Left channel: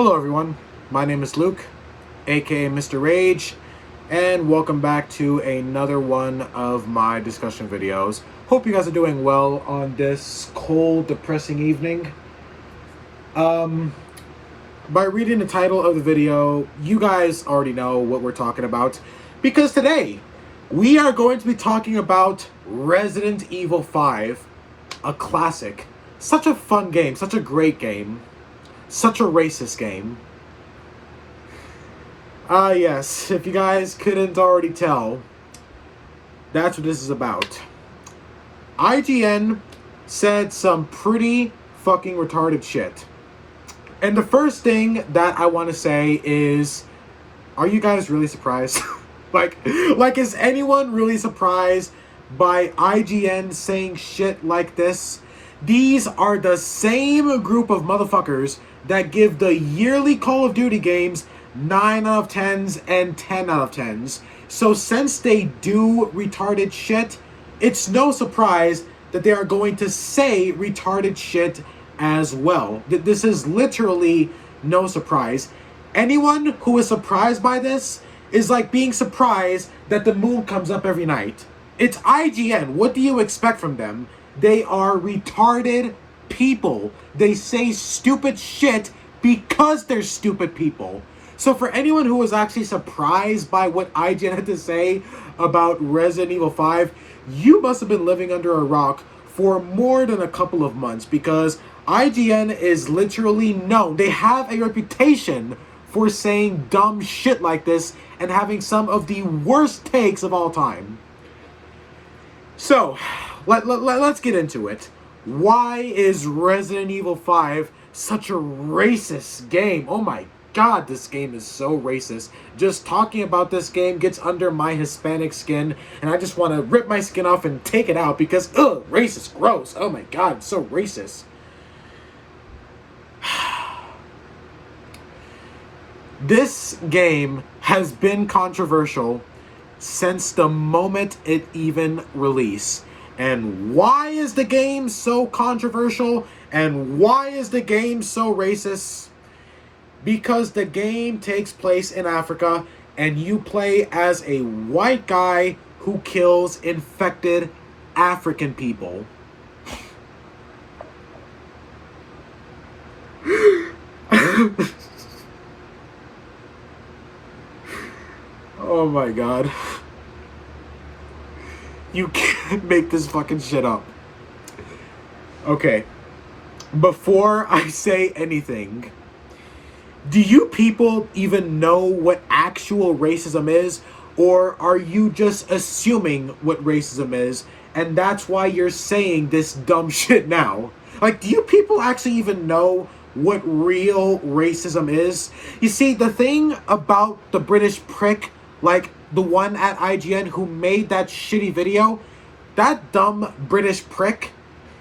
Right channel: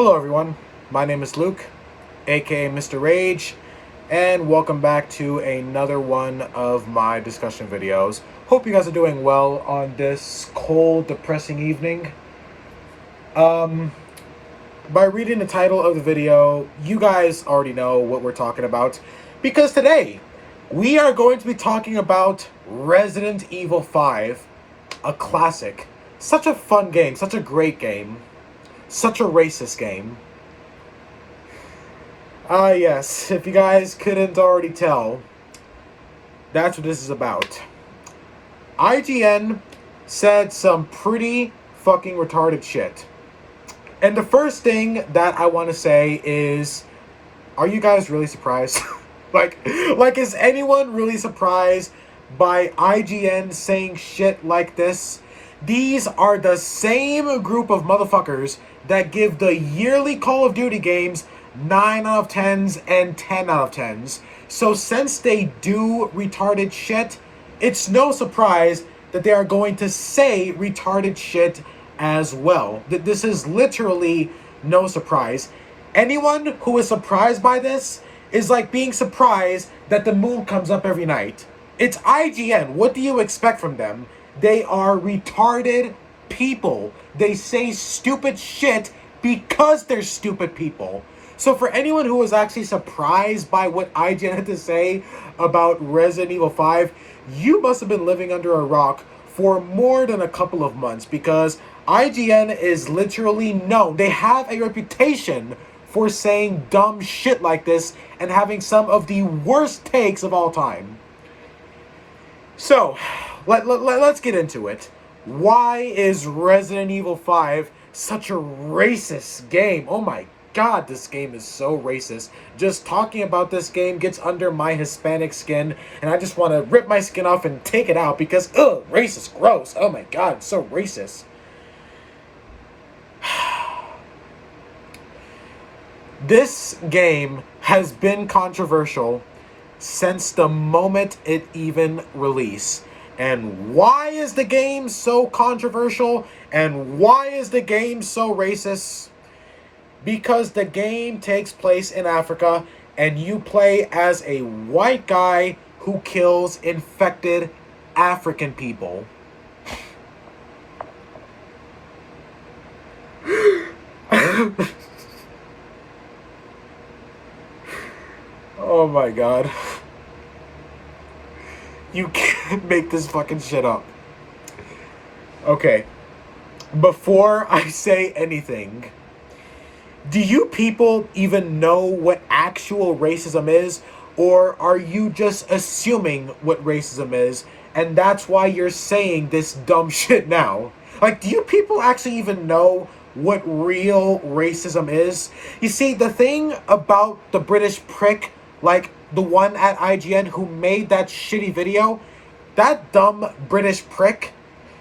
Hello everyone, my name is Luke, aka Mr. Rage, and welcome back to another one of my discussion videos. Hope you guys are doing well on this cold, depressing evening. By reading the title of the video, you guys already know what we're talking about, because today we are going to be talking about Resident Evil 5, a classic. Such a fun game, such a great game. Such a racist game. Yes, if you guys couldn't already tell, that's what this is about. IGN said some pretty fucking retarded shit. And the first thing that I want to say is, are you guys really surprised? like, is anyone really surprised by IGN saying shit like this? These are the same group of motherfuckers that give the yearly Call of Duty games 9 out of 10s and 10 out of 10s. So since they do retarded shit, it's no surprise that they are going to say retarded shit as well. This is literally no surprise. Anyone who is surprised by this is like being surprised that the moon comes up every night. It's IGN. What do you expect from them? They are retarded people. They say stupid shit because they're stupid people. So for anyone who was actually surprised by what IGN had to say about Resident Evil 5, you must have been living under a rock for more than a couple of months, because IGN is literally known. They have a reputation for saying dumb shit like this and having some of the worst takes of all time. So, let's get into it. Why is Resident Evil 5 such a racist game? Oh my god, this game is so racist. Just talking about this game gets under my Hispanic skin, and I just want to rip my skin off and take it out because, ugh, racist, gross. Oh my god, it's so racist. This game has been controversial since the moment it even released. And why is the game so controversial? And why is the game so racist? Because the game takes place in Africa and you play as a white guy who kills infected African people. Oh my god. You can't make this fucking shit up. Okay. Before I say anything, do you people even know what actual racism is? Or are you just assuming what racism is, and that's why you're saying this dumb shit now? Like, do you people actually even know what real racism is? You see, the thing about the British prick, like the one at IGN who made that shitty video, that dumb British prick,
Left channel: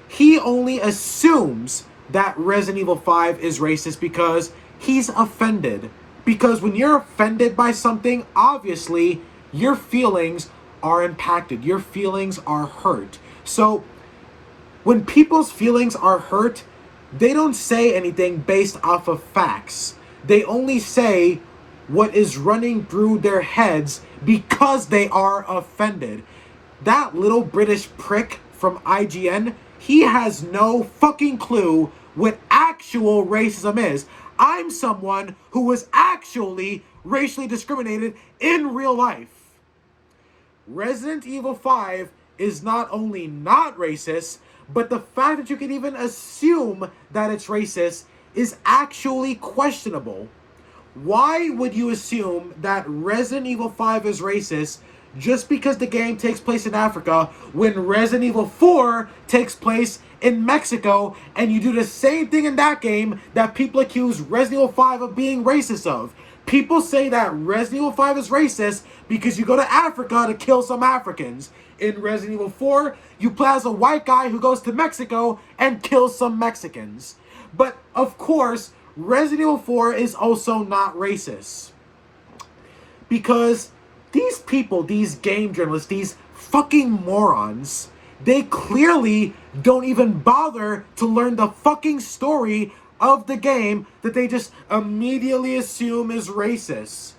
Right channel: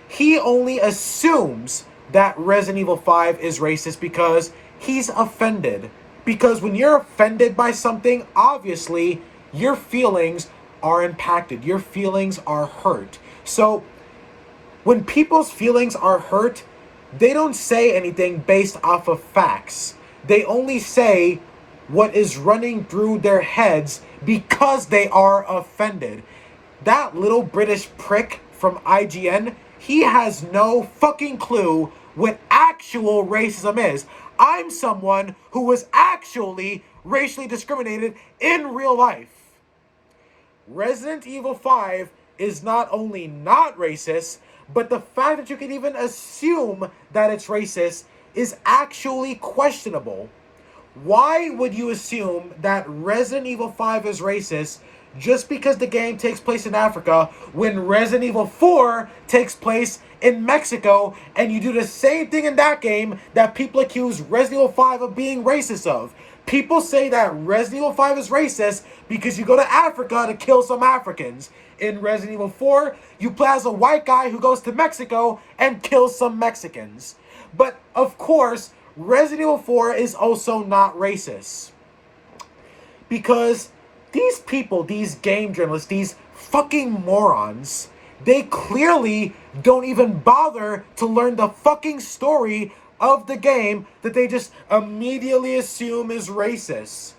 he only assumes that Resident Evil 5 is racist because he's offended. Because when you're offended by something, obviously your feelings are impacted. Your feelings are hurt. So when people's feelings are hurt, they don't say anything based off of facts. They only say what is running through their heads because they are offended. That little British prick from IGN, he has no fucking clue what actual racism is. I'm someone who was actually racially discriminated in real life. Resident Evil 5 is not only not racist, but the fact that you can even assume that it's racist is actually questionable. Why would you assume that Resident Evil 5 is racist just because the game takes place in Africa when Resident Evil 4 takes place in Mexico, and you do the same thing in that game that people accuse Resident Evil 5 of being racist of? People say that Resident Evil 5 is racist because you go to Africa to kill some Africans. In Resident Evil 4, you play as a white guy who goes to Mexico and kills some Mexicans. But, of course, Resident Evil 4 is also not racist. Because these people, these game journalists, these fucking morons, they clearly don't even bother to learn the fucking story of the game that they just immediately assume is racist.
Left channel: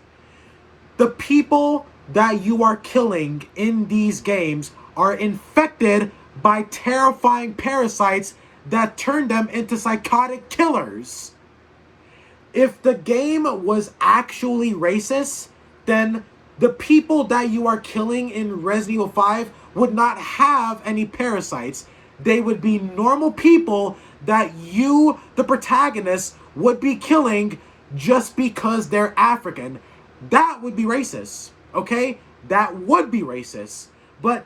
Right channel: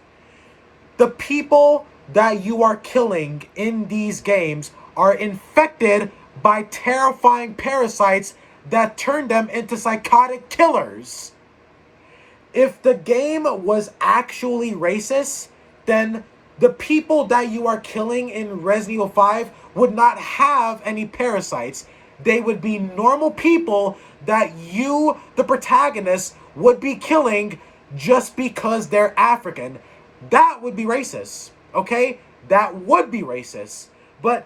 The people that you are killing in these games are infected by terrifying parasites that turn them into psychotic killers. If the game was actually racist, then the people that you are killing in Resident Evil 5 would not have any parasites. They would be normal people that you, the protagonist, would be killing just because they're African. That would be racist, okay? That would be racist. But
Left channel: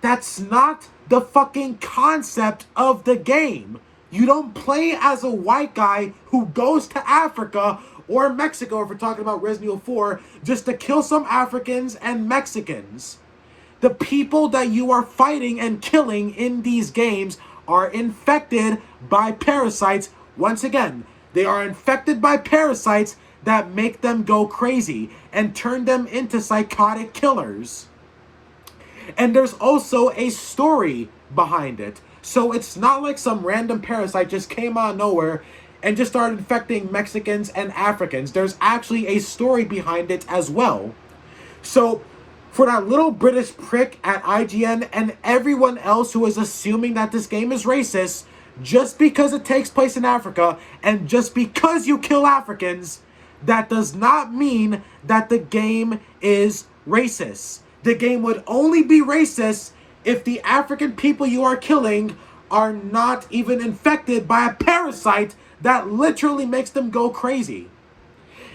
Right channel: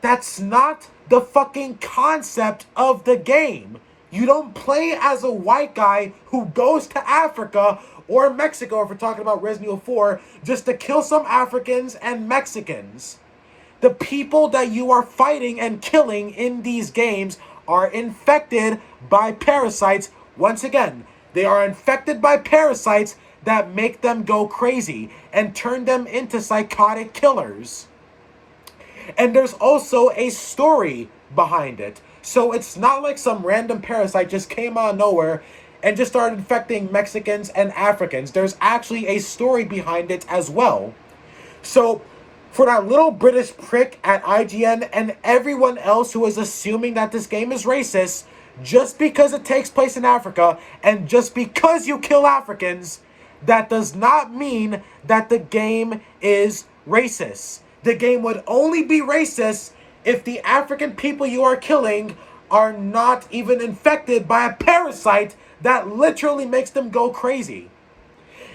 that's not the fucking concept of the game. You don't play as a white guy who goes to Africa or Mexico, if we're talking about Resident Evil 4, just to kill some Africans and Mexicans. The people that you are fighting and killing in these games are infected by parasites. Once again, they are infected by parasites that make them go crazy and turn them into psychotic killers. And there's also a story behind it. So it's not like some random parasite just came out of nowhere and just started infecting Mexicans and Africans. There's actually a story behind it as well. So for that little British prick at IGN and everyone else who is assuming that this game is racist, just because it takes place in Africa and just because you kill Africans, that does not mean that the game is racist. The game would only be racist if the African people you are killing are not even infected by a parasite that literally makes them go crazy.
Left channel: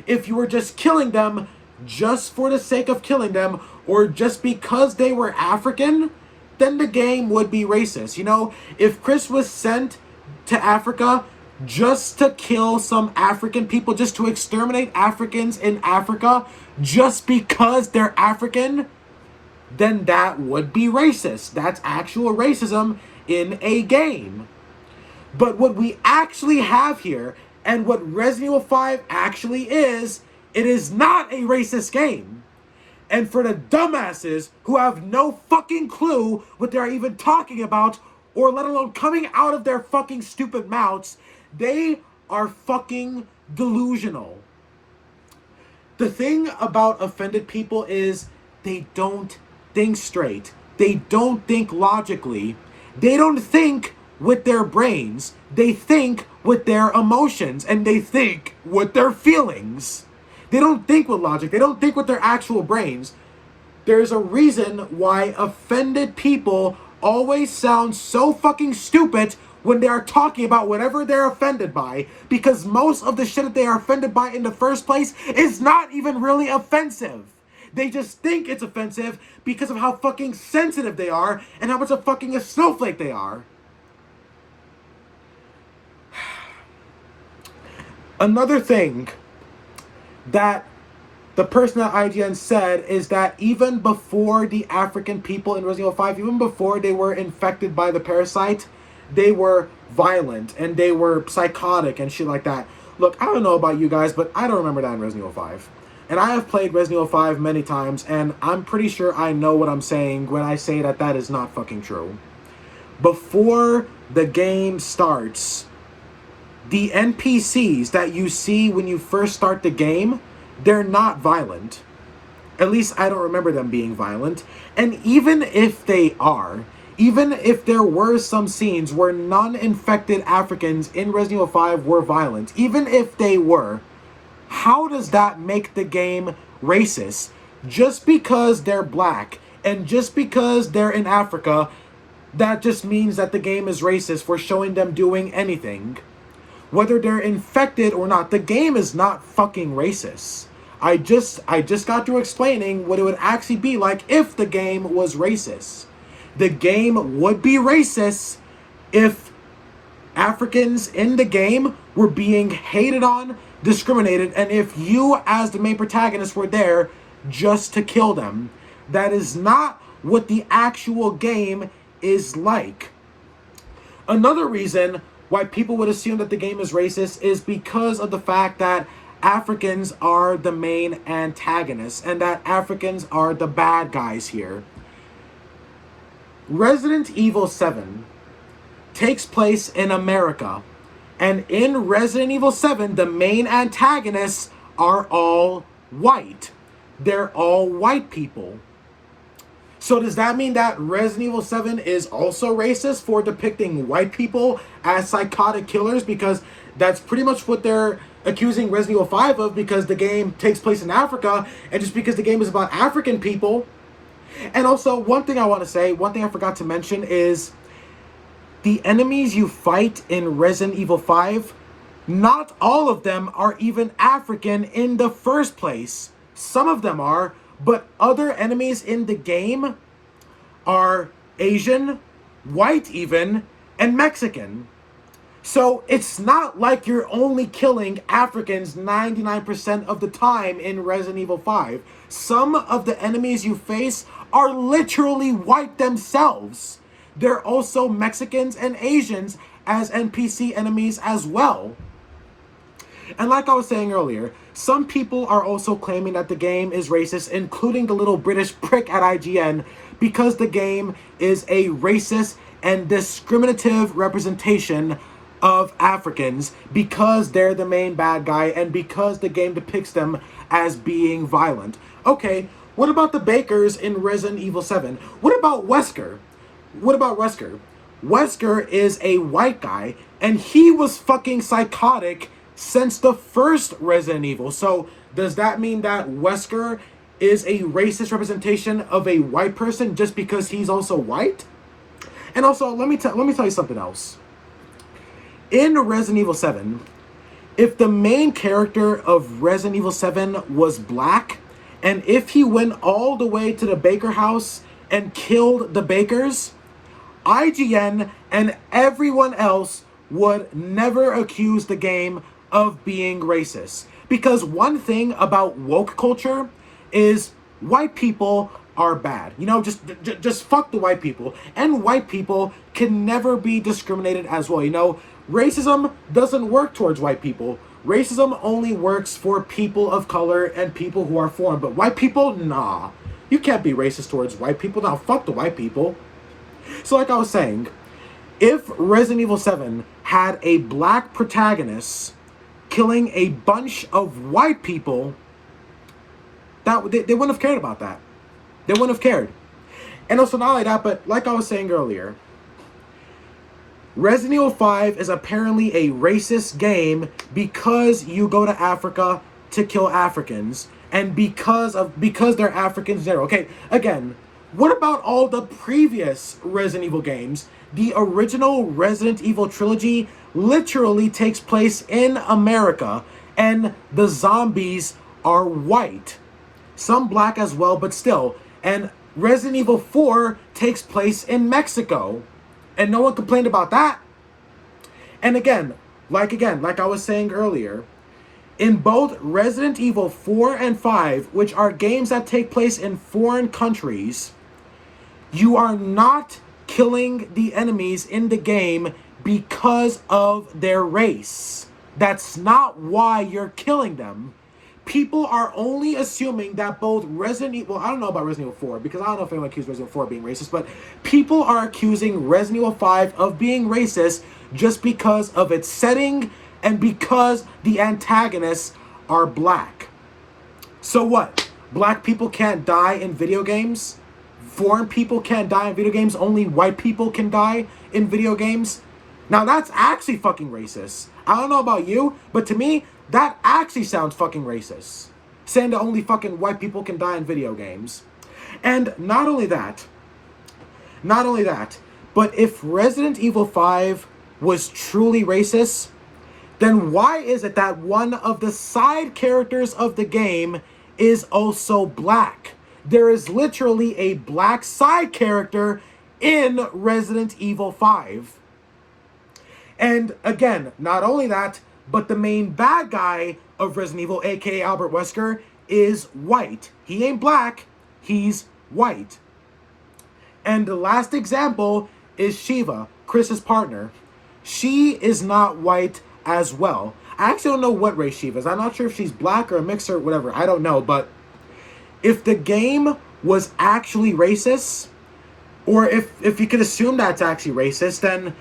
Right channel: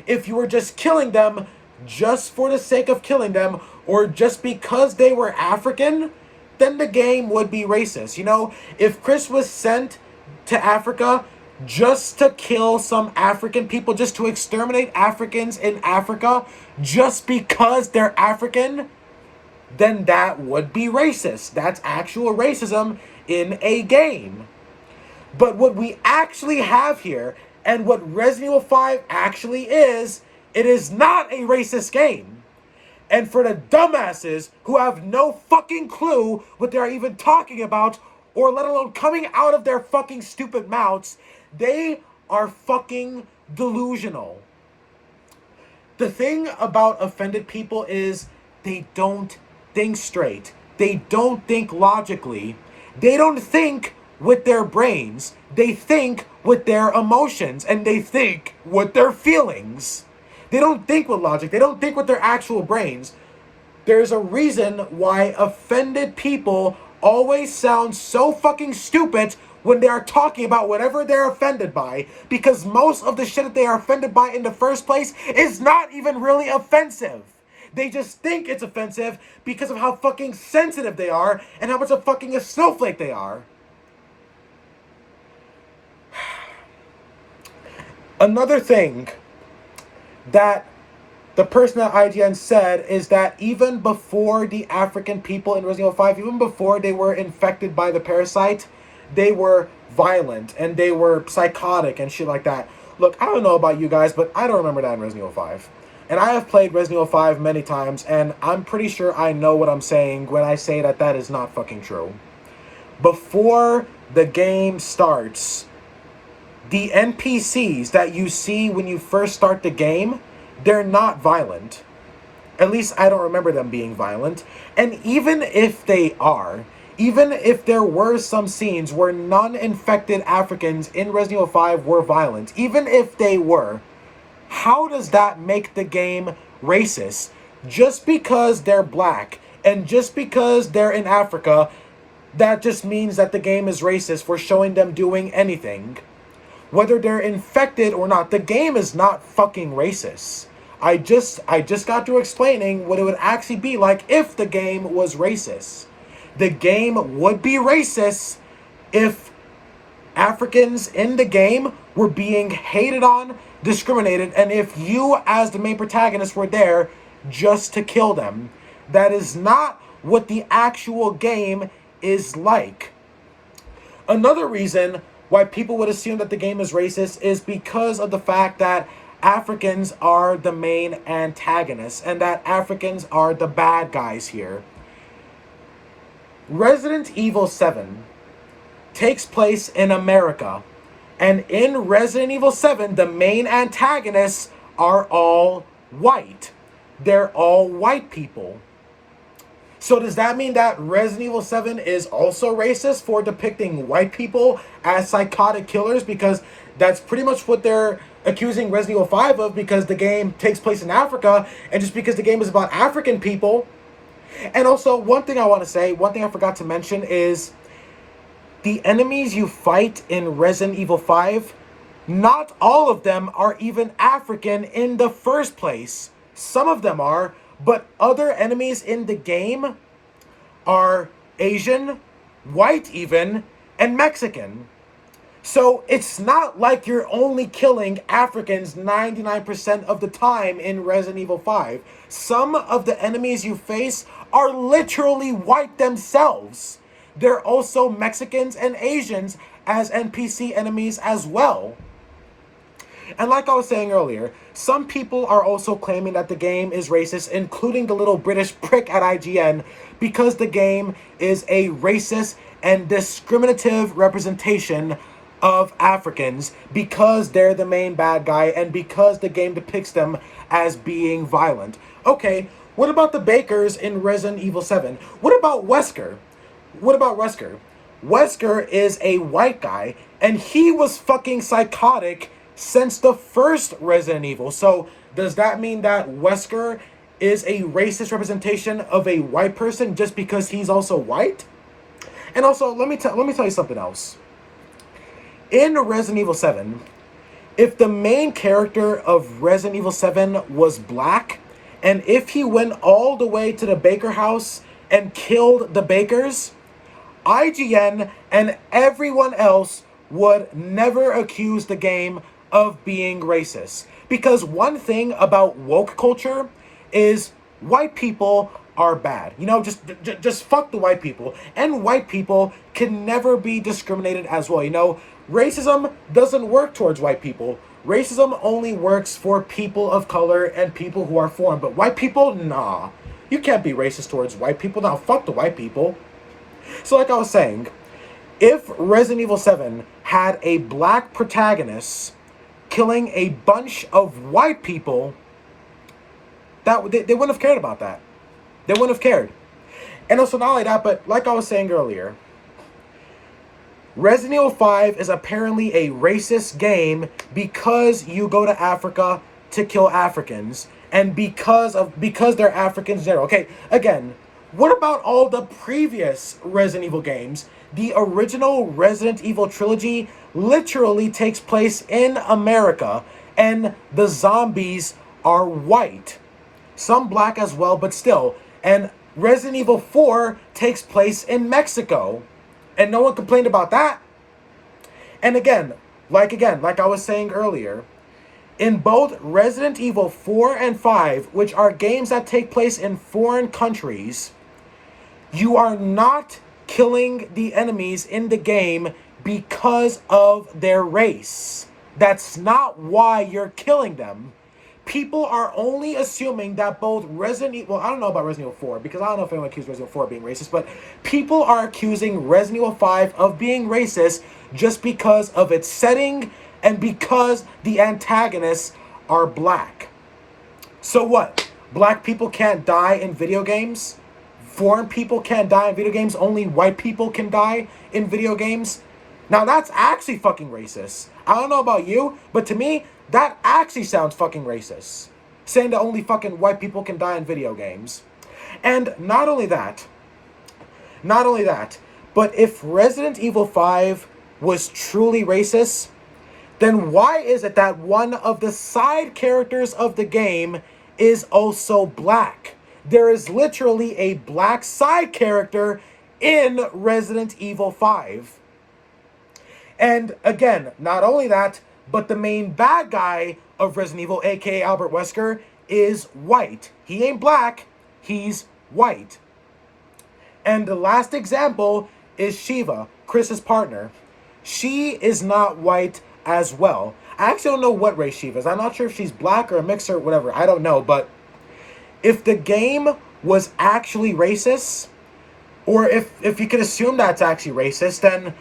If you were just killing them just for the sake of killing them, or just because they were African, then the game would be racist. You know, if Chris was sent to Africa just to kill some African people, just to exterminate Africans in Africa, just because they're African, then that would be racist. That's actual racism in a game. But what we actually have here, and what Resident Evil 5 actually is, it is not a racist game. And for the dumbasses who have no fucking clue what they're even talking about, or let alone coming out of their fucking stupid mouths, they are fucking delusional. The thing about offended people is they don't think straight. They don't think logically. They don't think with their brains. They think with their emotions, and they think with their feelings. They don't think with logic. They don't think with their actual brains. There's a reason why offended people always sound so fucking stupid when they are talking about whatever they're offended by, because most of the shit that they are offended by in the first place is not even really offensive. They just think it's offensive because of how fucking sensitive they are and how much of fucking a snowflake they are. Another thing that the person at IGN said is that even before the African people in Resident Evil 5, even before they were infected by the parasite, they were violent and they were psychotic and shit like that. Look, I don't know about you guys, but I don't remember that in Resident Evil 5. And I have played Resident Evil 5 many times, and I'm pretty sure I know what I'm saying when I say that that is not fucking true. Before the game starts, the NPCs that you see when you first start the game, they're not violent. At least I don't remember them being violent. And even if they are, even if there were some scenes where non-infected Africans in Resident Evil 5 were violent, even if they were, how does that make the game racist? Just because they're black and just because they're in Africa, that just means that the game is racist for showing them doing anything. Whether they're infected or not, the game is not fucking racist. I just got through explaining what it would actually be like if the game was racist. The game would be racist if Africans in the game were being hated on, discriminated, and if you as the main protagonist were there just to kill them. That is not what the actual game is like. Another reason why people would assume that the game is racist is because of the fact that Africans are the main antagonists and that Africans are the bad guys here. Resident Evil 7 takes place in America, And in Resident Evil 7, the main antagonists are all white. They're all white people. So does that mean that Resident Evil 7 is also racist for depicting white people as psychotic killers? Because that's pretty much what they're accusing Resident Evil 5 of, because the game takes place in Africa, and just because the game is about African people. And also, one thing I forgot to mention is the enemies you fight in Resident Evil 5, not all of them are even African in the first place. Some of them are, but other enemies in the game are Asian, white even, and Mexican. So it's not like you're only killing Africans 99% of the time in Resident Evil 5. Some of the enemies you face are literally white themselves. They're also Mexicans and Asians as NPC enemies as well. And like I was saying earlier, some people are also claiming that the game is racist, including the little British prick at IGN, because the game is a racist and discriminative representation of Africans because they're the main bad guy and because the game depicts them as being violent. Okay, what about the bakers in Resident Evil 7? What about Wesker? Wesker is a white guy, and he was fucking psychotic since the first Resident Evil. So does that mean that Wesker is a racist representation of a white person just because he's also white? And also, let me tell you something else. In Resident Evil 7, if the main character of Resident Evil 7 was black, and if he went all the way to the Baker house and killed the bakers, IGN and everyone else would never accuse the game of being racist. Because one thing about woke culture is white people are bad. You know, just fuck the white people. And white people can never be discriminated as well. You know, racism doesn't work towards white people. Racism only works for people of color and people who are foreign. But white people, nah. You can't be racist towards white people. Now, fuck the white people. So like I was saying, if Resident Evil 7 had a black protagonist killing a bunch of white people, they wouldn't have cared about that. They wouldn't have cared. And also not only that, but like I was saying earlier, Resident Evil 5 is apparently a racist game because you go to Africa to kill Africans and because they're Africans in general. Okay, again, what about all the previous Resident Evil games? The original Resident Evil trilogy literally takes place in America, and the zombies are white. Some black as well, but still. And Resident Evil 4 takes place in Mexico, and no one complained about that. And again, like I was saying earlier, in both Resident Evil 4 and 5, which are games that take place in foreign countries, you are not killing the enemies in the game because of their race. That's not why you're killing them. People are only assuming that both Resident Evil... Well, I don't know about Resident Evil 4, because I don't know if anyone accused Resident Evil 4 of being racist, but people are accusing Resident Evil 5 of being racist just because of its setting and because the antagonists are black. So what? Black people can't die in video games? Foreign people can't die in video games? Only white people can die in video games? Now that's actually fucking racist. I don't know about you, but to me, that actually sounds fucking racist. Saying that only fucking white people can die in video games. And not only that, but if Resident Evil 5 was truly racist, then why is it that one of the side characters of the game is also black? There is literally a black side character in Resident Evil 5. And again, not only that, but the main bad guy of Resident Evil, aka Albert Wesker, is white. He ain't black, he's white. And the last example is Shiva, Chris's partner. She is not white as well. I actually don't know what race Shiva is. I'm not sure if she's black or a mixer or whatever. I don't know, but if the game was actually racist, or if you could assume that's actually racist, then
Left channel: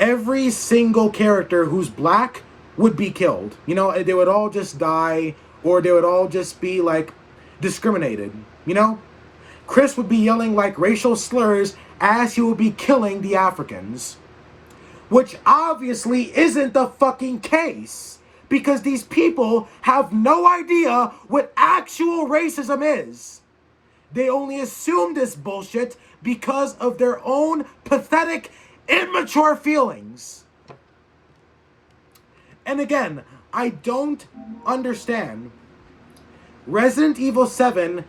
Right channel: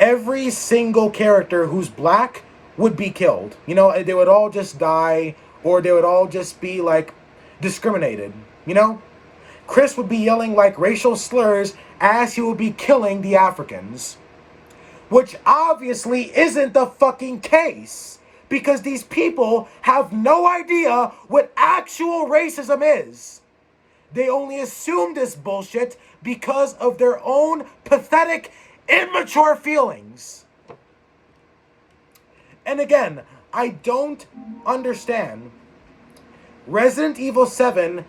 every single character who's black would be killed. You know, they would all just die, or they would all just be like discriminated. You know, Chris would be yelling like racial slurs as he would be killing the Africans, which obviously isn't the fucking case, because these people have no idea what actual racism is. They only assume this bullshit because of their own pathetic, immature feelings. And again, I don't understand. Resident Evil 7,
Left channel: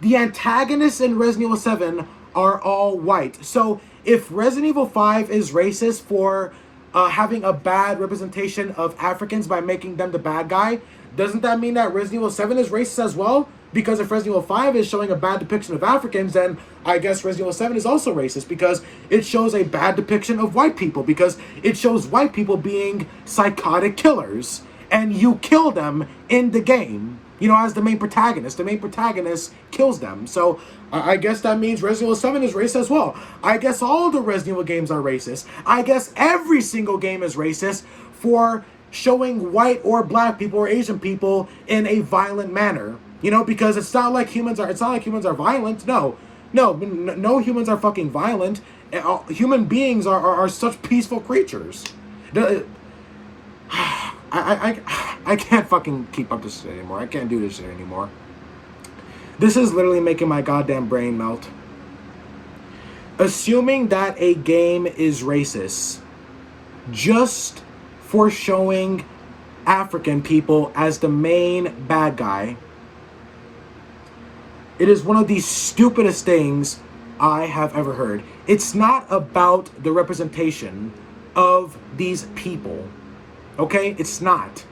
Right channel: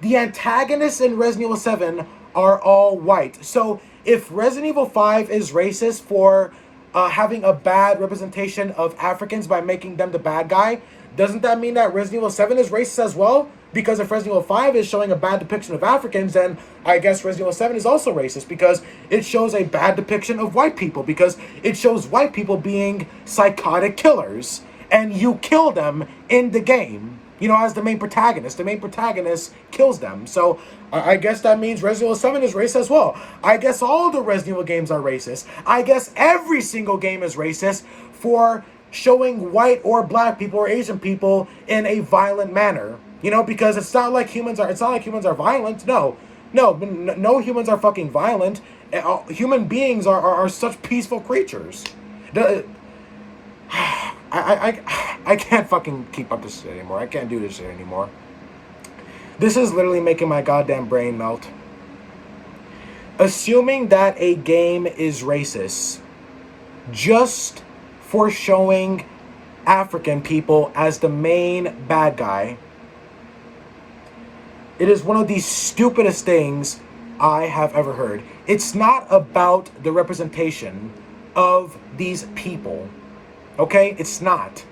the antagonists in Resident Evil 7 are all white. So if Resident Evil 5 is racist for having a bad representation of Africans by making them the bad guy, doesn't that mean that Resident Evil 7 is racist as well? Because if Resident Evil 5 is showing a bad depiction of Africans, then I guess Resident Evil 7 is also racist because it shows a bad depiction of white people, because it shows white people being psychotic killers, and you kill them in the game, you know, as the main protagonist. The main protagonist kills them. So I guess that means Resident Evil 7 is racist as well. I guess all the Resident Evil games are racist. I guess every single game is racist for showing white or black people or Asian people in a violent manner. You know, because it's not like humans are violent. No humans are fucking violent. Human beings are such peaceful creatures. I can't fucking keep up this shit anymore. I can't do this shit anymore. This is literally making my goddamn brain melt. Assuming that a game is racist just for showing African people as the main bad guy, it is one of the stupidest things I have ever heard. It's not about the representation of these people. Okay? It's not.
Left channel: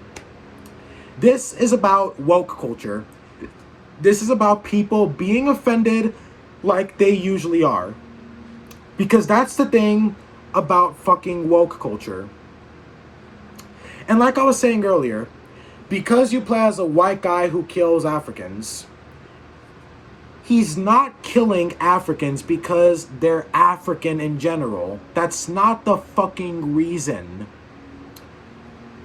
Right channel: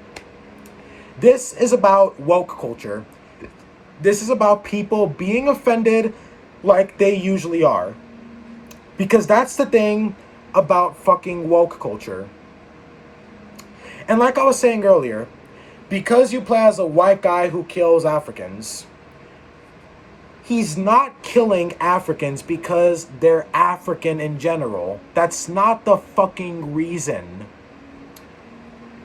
This is about woke culture. This is about people being offended like they usually are. Because that's the thing about fucking woke culture. And like I was saying earlier, because you play as a white guy who kills Africans, he's not killing Africans because they're African in general. That's not the fucking reason.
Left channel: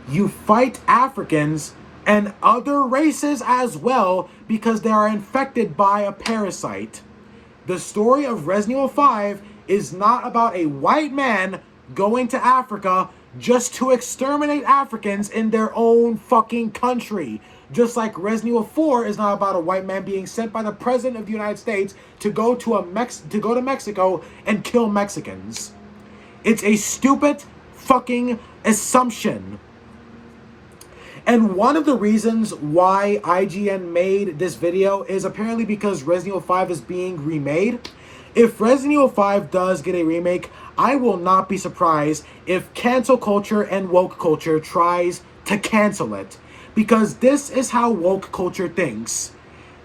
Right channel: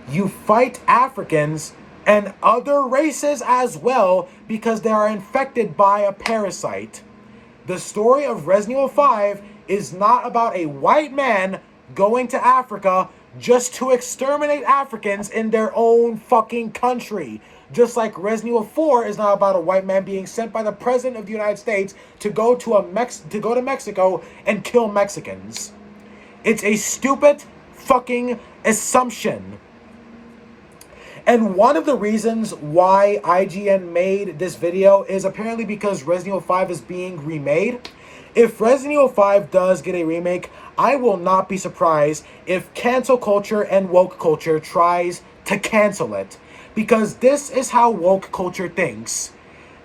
You fight Africans and other races as well because they are infected by a parasite. The story of Resident Evil 5 is not about a white man going to Africa just to exterminate Africans in their own fucking country. Just like Resident Evil 4 is not about a white man being sent by the President of the United States to go to Mexico and kill Mexicans. It's a stupid fucking assumption. And one of the reasons why IGN made this video is apparently because Resident Evil 5 is being remade. If Resident Evil 5 does get a remake, I will not be surprised if cancel culture and woke culture tries to cancel it. Because this is how woke culture thinks.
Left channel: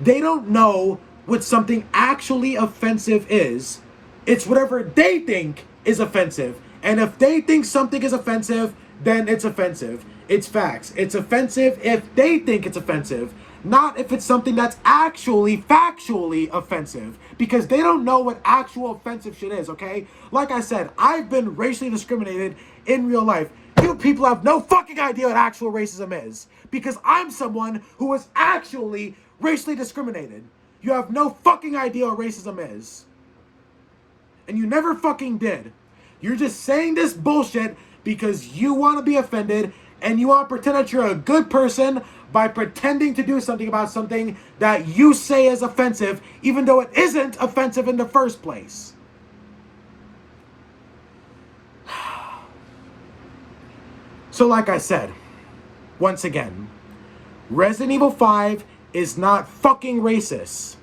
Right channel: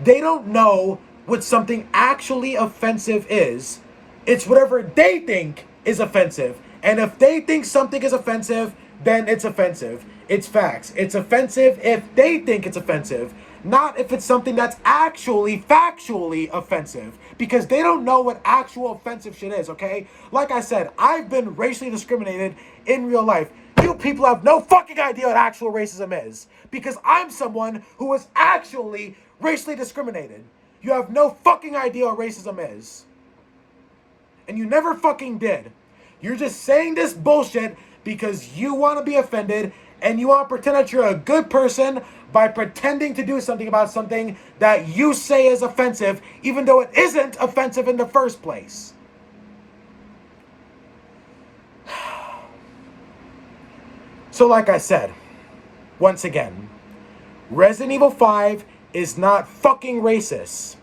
They don't know what something actually offensive is. It's whatever they think is offensive. And if they think something is offensive, then it's offensive. It's facts. It's offensive if they think it's offensive, not if it's something that's actually factually offensive, because they don't know what actual offensive shit is, okay? Like I said, I've been racially discriminated in real life. You people have no fucking idea what actual racism is, because I'm someone who was actually racially discriminated. You have no fucking idea what racism is. And you never fucking did. You're just saying this bullshit because you want to be offended and you want to pretend that you're a good person by pretending to do something about something that you say is offensive, even though it isn't offensive in the first place. So like I said, once again, Resident Evil 5 is not fucking racist.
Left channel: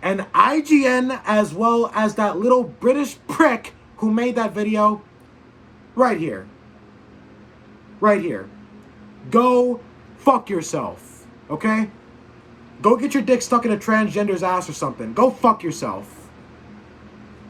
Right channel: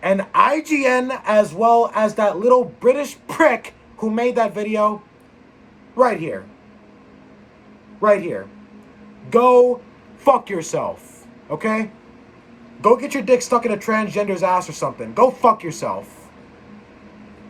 And IGN, as well as that little British prick who made that video, right here. Go fuck yourself, okay? Go get your dick stuck in a transgender's ass or something. Go fuck yourself.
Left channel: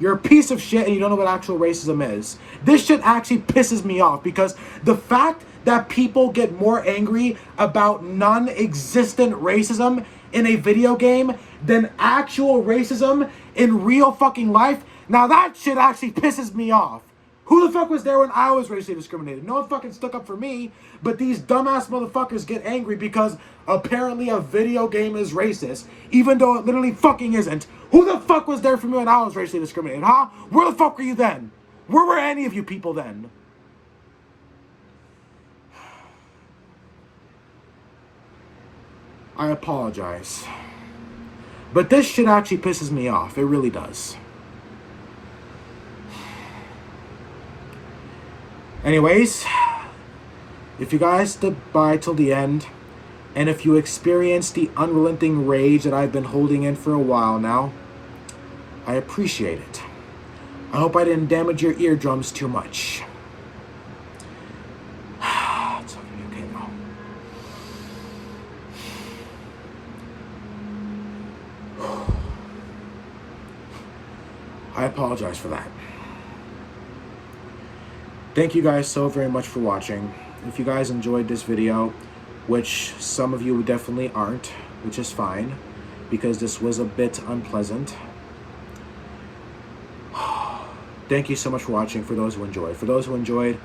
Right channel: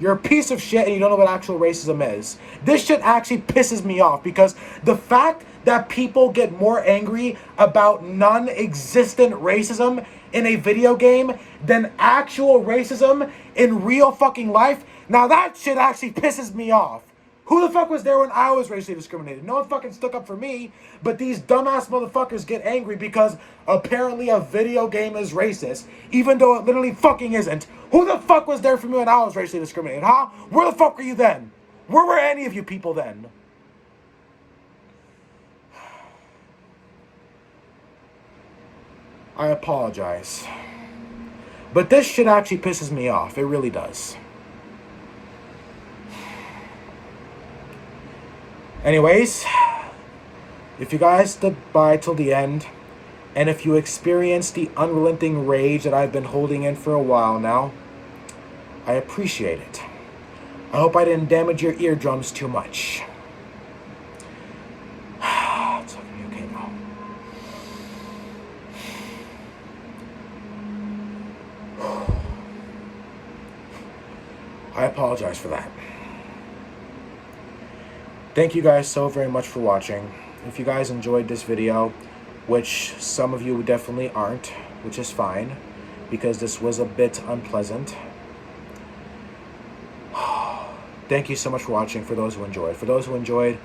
You're a piece of shit and you don't know what actual racism is. This shit actually pisses me off because the fact that people get more angry about non-existent racism in a video game than actual racism in real fucking life, now that shit actually pisses me off. Who the fuck was there when I was racially discriminated? No one fucking stuck up for me, but these dumbass motherfuckers get angry because apparently a video game is racist, even though it literally fucking isn't. Who the fuck was there for me when I was racially discriminated, huh? Where the fuck were you then? Where were any of you people then? I apologize. But this shit actually pisses me off. It really does. Anyways, if you guys stood by till the end, and if you experienced the unrelenting rage that I've been holding in for a while now, I appreciate it. I hope I didn't damage your eardrums too much. It's not gonna be okay now. I apologize for that. Thank you guys so very much for watching. If you guys enjoyed this video, which some of you definitely aren't, which is fine, because this was a bit unpleasant. Thank you so much for watching, for those who enjoyed. For those who enjoyed,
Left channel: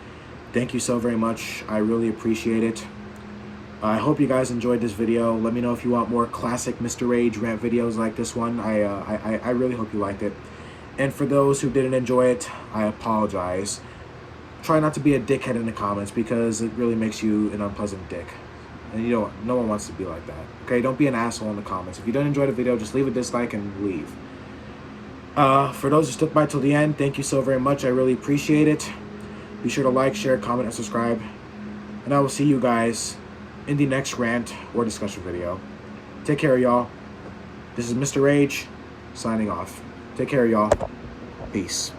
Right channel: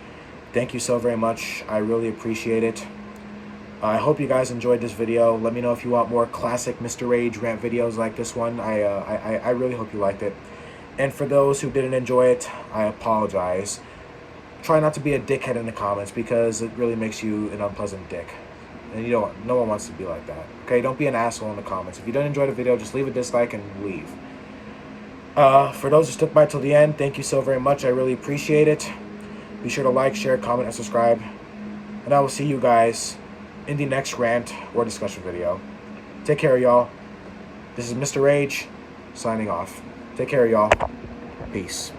thank you so very much. I really appreciate it. I hope you guys enjoyed this video. Let me know if you want more classic Mr. Rage Rant videos like this one. I really hope you liked it. And for those who didn't enjoy it, I apologize. Try not to be a dickhead in the comments, because it really makes you an unpleasant dick. And no one wants to be like that. Okay, don't be an asshole in the comments. If you don't enjoy the video, just leave a dislike and leave. For those who stuck by till the end, thank you so very much. I really appreciate it. Be sure to like, share, comment, and subscribe. And I will see you guys in the next rant or discussion video. Take care, y'all. This is Mr. Rage, signing off. Take care, y'all. Peace.